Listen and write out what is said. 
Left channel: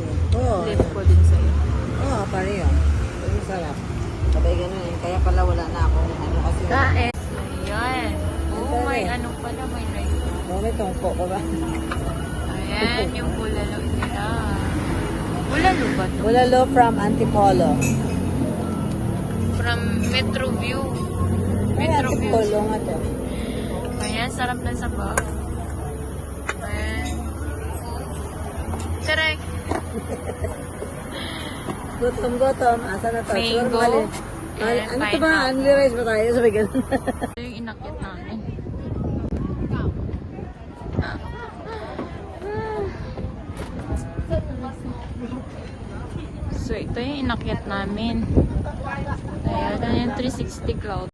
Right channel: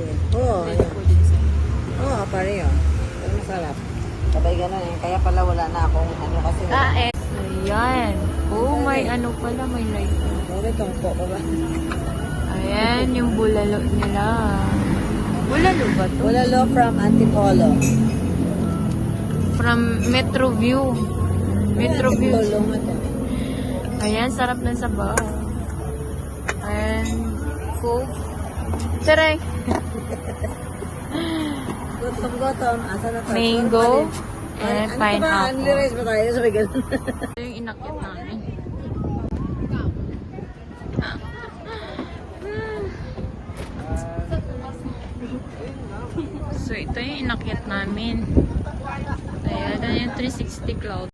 ito. Oo. Dito po din sa Oo, pareho. Ang sarap. Sabay ganun eh. Kaya pala wala na akong ano kasi. Ayan. Oh, may ano pala, may light. May tungko ko ba? Ayan, yung bulalo nila. Bulalo ba to? Bulalo from Antipolo. From Metro View. Metro View. Antipolo nga to. Ayan, sarap ng sabaw. And, Coke. Tere. Gutom. Asa na to? Mango. And Ano ba? pineapple. Unli-rice ba tayo? Sabay ganun. Ito yung inakyat namin. So, ito yung inakyat namin. Ayan, yung 360 cloud.